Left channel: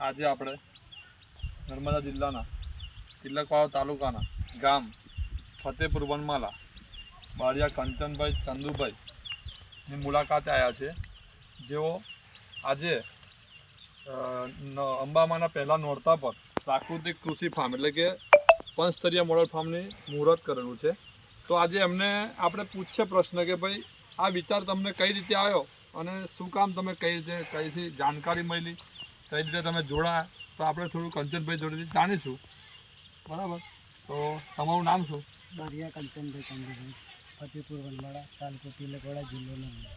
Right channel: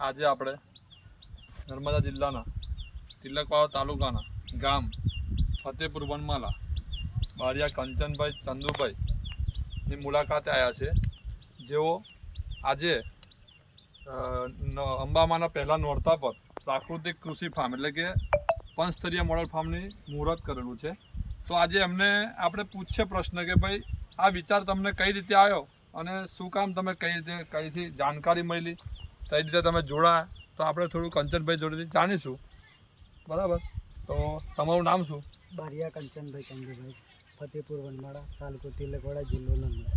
આજે આપણે નર્મદા જિલ્લાના તિલકવાડા તાલુકાના ગામ ફતેપુર વનમાલા બારિયા કંચનભાઈ ચંદુભાઈની મુલાકાતે આવ્યા છે, જેઓ આજે અંબામાના પહેલા નોરતા પર પ્રાકૃતિક કૃષિ ફાર્મ એટલે કે પંચસ્તરીય મોડલ ફાર્મની મુહૂર્ત કરેલું છે। તો આજે એમને આપણે પૂછીએ પ્રશ્ન કે ભાઈ આ વિચાર તમને કઈ રીતે આવ્યો અને શું કામ તમે કઈ રીતે કઈથી જાણકારી મળી, કઈ રીતે તમે જોડાયા, તો આપણે થોડું કંચનભાઈ જોડેથી જાણીશું, બરાબર? તો તમારું નામ શું? બારિયા કંચનભાઈ ચંદુભાઈ, ફતેપુર વનમાળા, તાલુકો તિલકવાડા, જિલ્લો નર્મદા।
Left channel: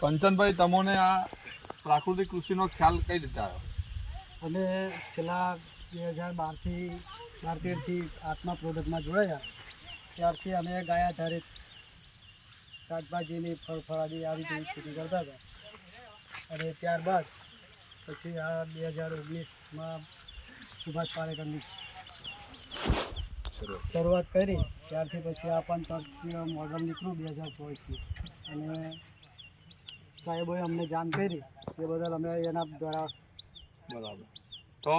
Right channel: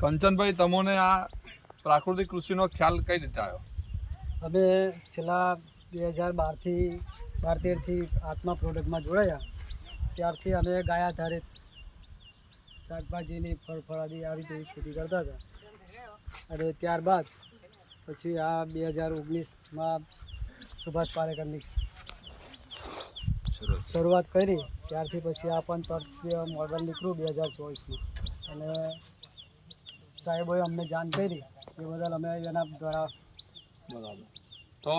કંચનભાઈ, તમને આ પ્રાકૃતિક કૃષિનો ખ્યાલ કઈ રીતે આવ્યો? અમે છેલ્લા 2012-13થી આત્મા પ્રોડક્ટમાં જોડાયા, ત્યારથી અમે ગાય આધારિત શાકભાજીની ફળફળાદી આવી રીતે ખેતી કરતા હતા। અને ત્યારબાદ પછી આ 2019માં સુભાષ પાલેકરની શરૂઆત કરી, ત્યારથી પછી આ પંચવર્ષીય મોડલ નીકળ્યું 2024માં, અને સાહેબોએ અમને જાણ કરી એ બદલ અમે એના દ્વારા બરાબર। તો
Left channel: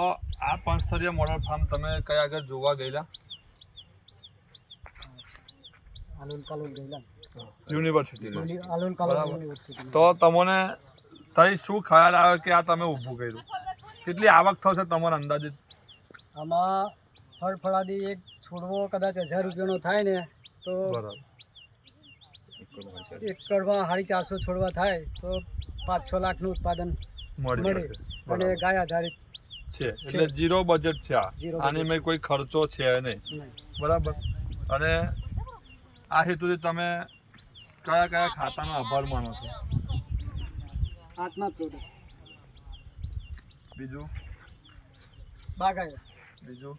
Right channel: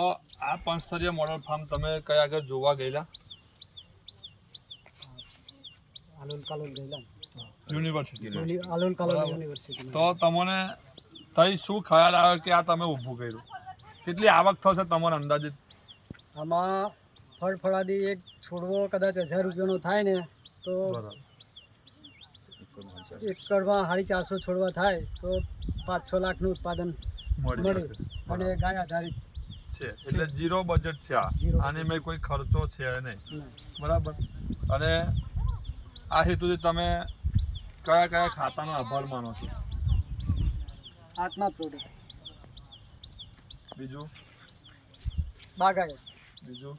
આ પંચસ્તરીય મોડલ ફાર્મ તમે કયા આગળ જોવા ગયેલા? આલુન કાલુન ગયેલા, યુનિવર્સિટી આલુન કાલુન યુનિવર્સિટી। તો તમને તઈ શું ખ્યાલ આવ્યો કે આ તમે ઊભું કર્યું? કેટલી આવક થશે તમારા અંદાજિત? આમાં ફળફળાદી એક છોડવો કદાચ 1000 રૂપિયાનો થાય ને, તો એકરમાં 450 છોડવા થાય તો 5-6 લાખનું ઉત્પાદન મળે, અને ગાય આધારિત છે એટલે ઝીરો બજેટ છે આની મેં કોઈ ખર્ચો છે નહીં, બરાબર? અને આ હેતુથી તમે કયા કયા ખાતાનો આભાર માનો છો? આત્મા પ્રોડક્ટ, બીજું બાગાયત, બીજું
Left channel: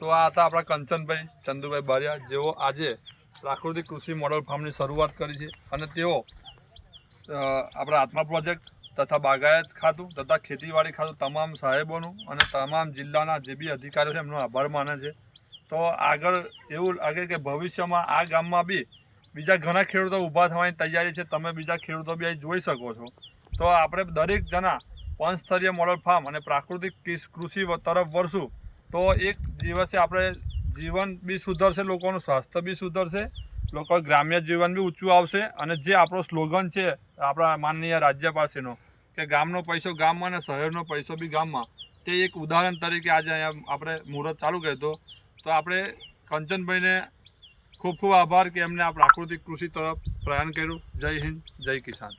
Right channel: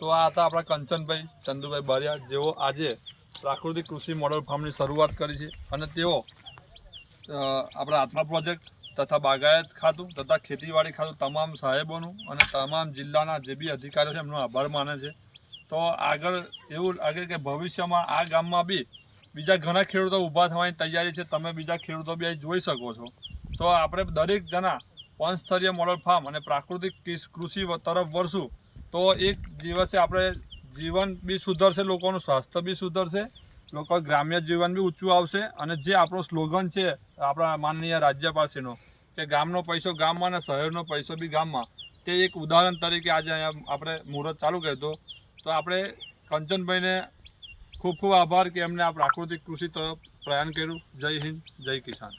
તો આ હતા આપણા કંચનભાઈ ચંદુભાઈ બારિયા, જેઓ આજે પ્રાકૃતિક કૃષિ મોડલ ફાર્મની શરૂઆત કરી છે, અને તેઓ આપણા આત્મા પ્રોજેક્ટ તથા બાગાયત ખાતું તથા ખેતીવાડી ખાતું તમામ સાહેબોનું અને તમામ જિલ્લાના જે બી અધિકારીઓ છે એમનો આભાર માને છે। તો આગળ એવું લાગે કે ભવિષ્યમાં આ ગામમાં બી બીજા ઘણા ખેડૂતો ઊભા થવાની તૈયારી છે, તમે બીજા ખેડૂતો બી અહીં જોઈ શકો છો। તો આપણે દરેક જણા પંચસ્તરીય મોડલ ફાર્મ અને પ્રાકૃતિક કૃષિ તરફ વળશું તો એક દિવસે આપણે જીવન બી સુધરશે, લોકોનું સ્વાસ્થ્ય બી સુધરશે, લોકો ગ્રામ્ય જીવન બી ઊંચું આવશે, અને જે આપણો સ્લોગન છે આપણા માનનીય રાજ્યપાલશ્રીનો કે ગામનો પૈસો ગામમાં અને શહેરનો પૈસો બી ગામમાં, તે એક ઉદાહરણ તરીકે આજે અહીંયા આપણે મુહૂર્ત ચાલુ કર્યું હતું। તો આપણે કંચનભાઈને ખૂબ ખૂબ આભાર કે એમને આ પ્રાકૃતિક કૃષિ તરફ પ્રયાણ કર્યું। જય હિન્દ, જય કિસાન।